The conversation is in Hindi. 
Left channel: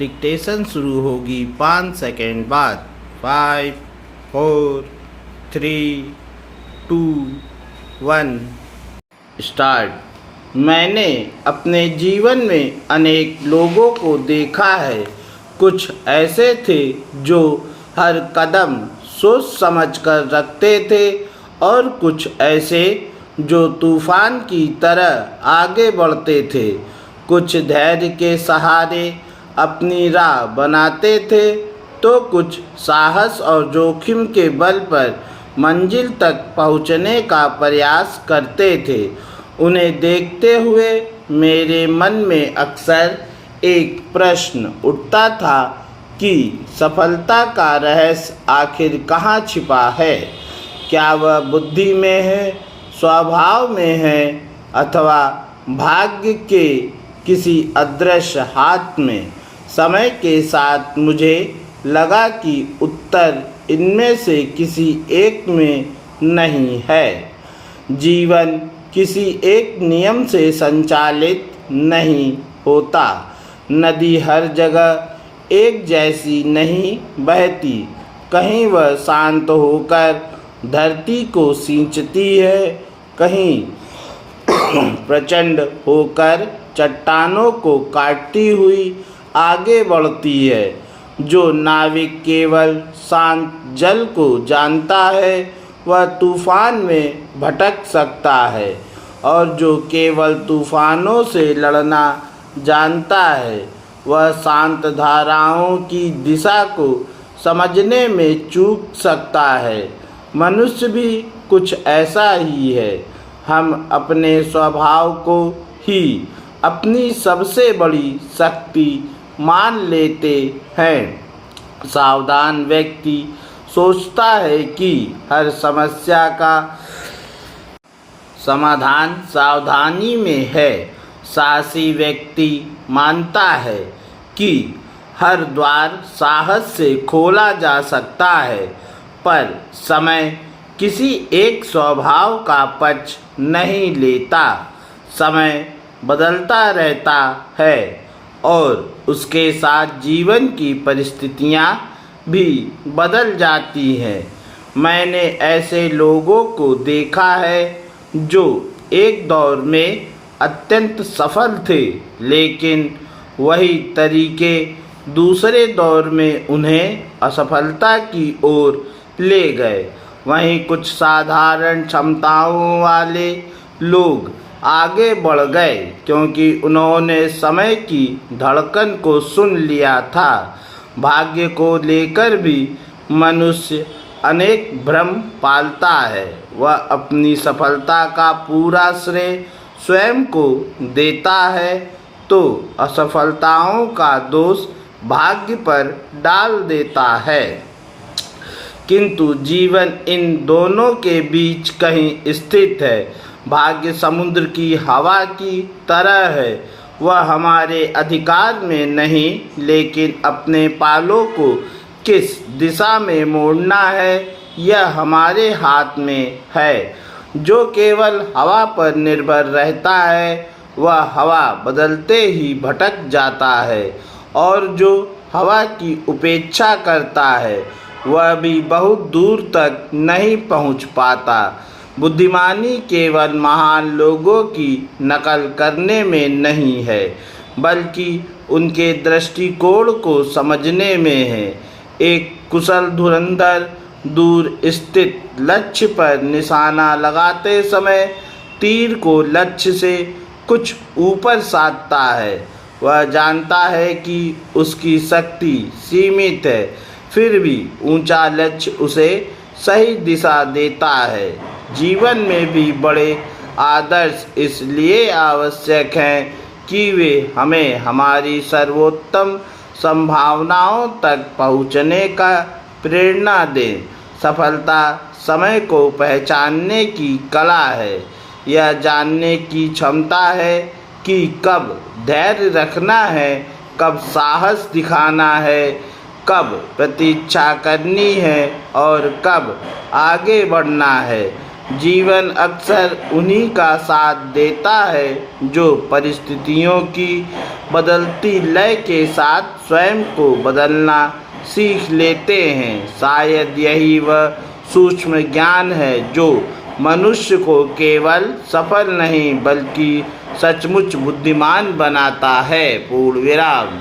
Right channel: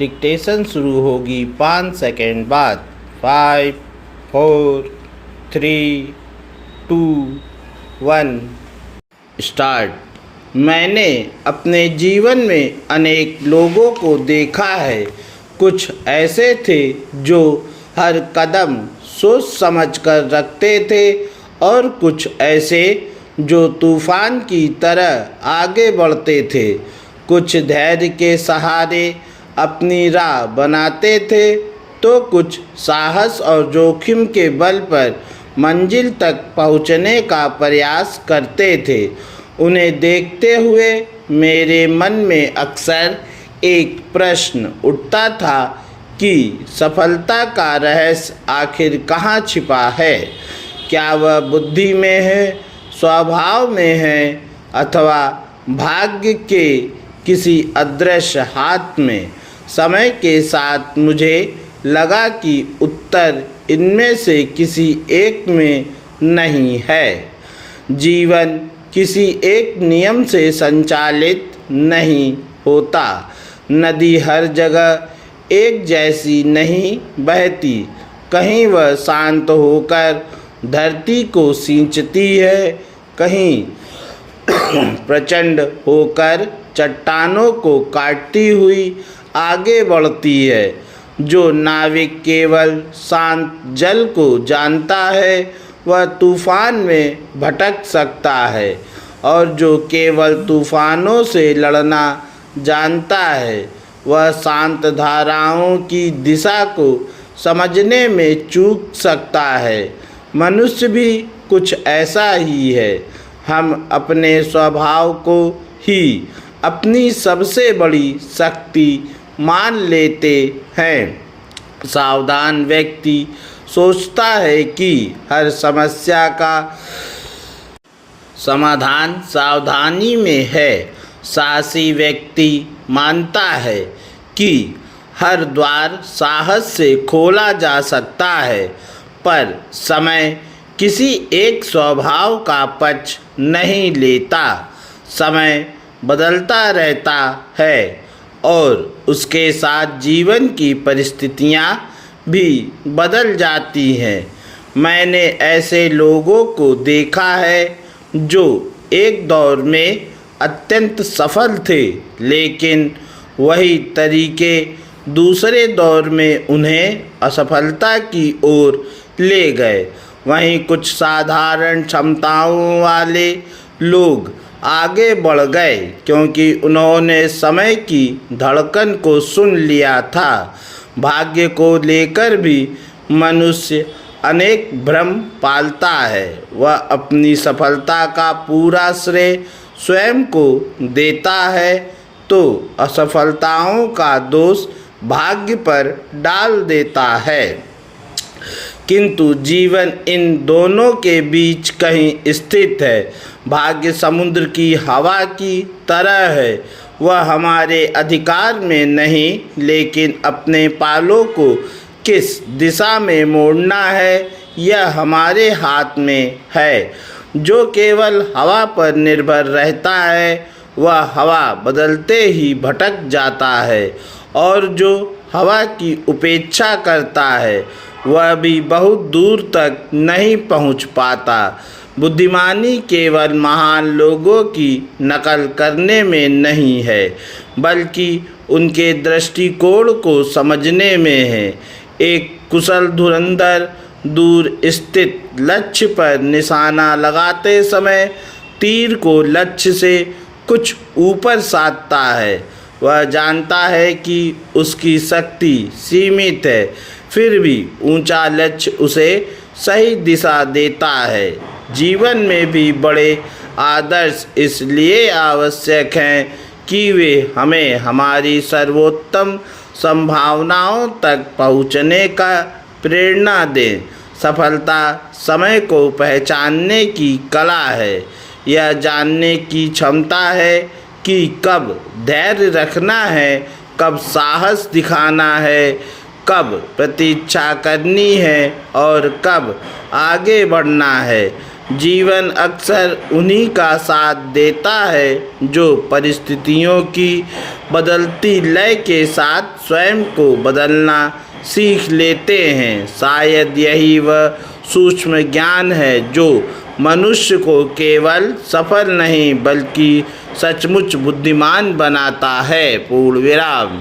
डिक्टेशन शुरू होगी 5 सेकेंड बाद। 5 4 3 2 1 स्टार्ट। मैंने अपने जीवन में अनेक लोगों को देखा है। कुछ ऐसे थे जो हर कदम सोच समझ कर रखते थे और कुछ ऐसे जो तूफान की तरह आगे बढ़ते थे। कुछ धैर्य के सहारे अपनी राह बनाते थे तो कुछ साहस और जोखिम के बल पर मंजिल तक पहुंचने का प्रयास करते थे। उन्हें देखते हुए मेरे मन में अक्सर एक प्रश्न उठता था कि सफलता का रहस्य आखिर कहाँ छिपा है। क्या वह बुद्धि में है, स्वभाव में है अथवा भाग्य के किसी अदृश्य हाथ में। समय के साथ मुझे लगा कि उत्तर इनमें से किसी एक में नहीं है। जीवन किसी एक नियम से संचालित नहीं होता। नदी हर जगह एक जैसी नहीं बहती। कहीं वह शांत होकर धरती को सींचती है, कहीं प्रचंड होकर चट्टानों को काटती हुई आगे बढ़ती है। जो नाविक केवल शांत जल को जानता है वह तूफान में भटक सकता है, और जो केवल तूफानों से लड़ना जानता है वह शांत धाराओं की दिशा को समझने में चूक सकता है। मनुष्य भी कुछ ऐसा ही है। हम अपने स्वभाव को ही अपनी सबसे बड़ी शक्ति मान लेते हैं। सावधान व्यक्ति सोचता है कि हर समस्या का समाधान सावधानी में है। साहसी व्यक्ति मानता है कि हर द्वार साहस से खोला जा सकता है, पर समय किसी एक स्वभाव का पक्ष नहीं लेता। समय बदलता रहता है और उसके साथ जीवन की परिस्थितियाँ भी बदल जाती हैं। मैंने ऐसे लोगों को देखा है जो एक दौर में अत्यंत सफल थे, लेकिन वही तरीके दूसरे दौर में उन्हें असफलता की ओर ले गए। वहीं कुछ साधारण क्षमताओं वाले लोग आगे बढ़ गए क्योंकि उन्होंने समय की धड़कन को सुन लिया था। भाग्य को लेकर भी मनुष्य अनेक भ्रम पालता है। वह अपनी सफलता का पूरा श्रेय स्वयं को देता है तो असफलताओं का दोष भाग्य पर डाल देता है। किंतु जीवन इन दोनों के बीच कहीं स्थित है। भाग्य समुद्र की हवा की तरह है। वह हमारे अधिकार में नहीं, लेकिन अपने पालों को किस दिशा में मोड़ना है यह हमारे हाथ में है। जो केवल हवा पर निर्भर रहता है वह हवा बदलते ही भटक जाता है, और जो हवा की उपेक्षा करता है वह भी बहुत दूर तक नहीं पहुंच पाता। बुद्धिमानी केवल महान लोगों की नकल करने में नहीं है, बल्कि उनके दृष्टिकोण को समझने में है। एक कुशल धुरंधर दूर स्थित लक्ष्य पर निशाना लगाते समय तीर को लक्ष्य से कुछ ऊपर साधता है। वह जानता है कि उसकी शक्ति सीमित है, फिर भी ऊंचा लक्ष्य उसे सही दिशा देता है। जीवन में भी बड़े आदर्श इसलिए आवश्यक हैं कि वे हमें हमारी सर्वोत्तम संभावनाओं तक पहुँचने का प्रेरणा दें। सफलता समय को पहचानने की कला है। यह जानने की क्षमता है कि कब धैर्य रखना है, कब साहस दिखाना है, कब प्रतीक्षा करनी है और कब आगे बढ़ना है। जीवन अक्सर उन्हीं का साथ देता है जो परिस्थितियों की बदलती लय के साथ स्वयं को बदलना सीख लेते हैं। शायद यही वह सूक्ष्म ज्ञान है जो मनुष्य को केवल सफल नहीं बल्कि सचमुच बुद्धिमान बनाता है। पूर्ण विराम।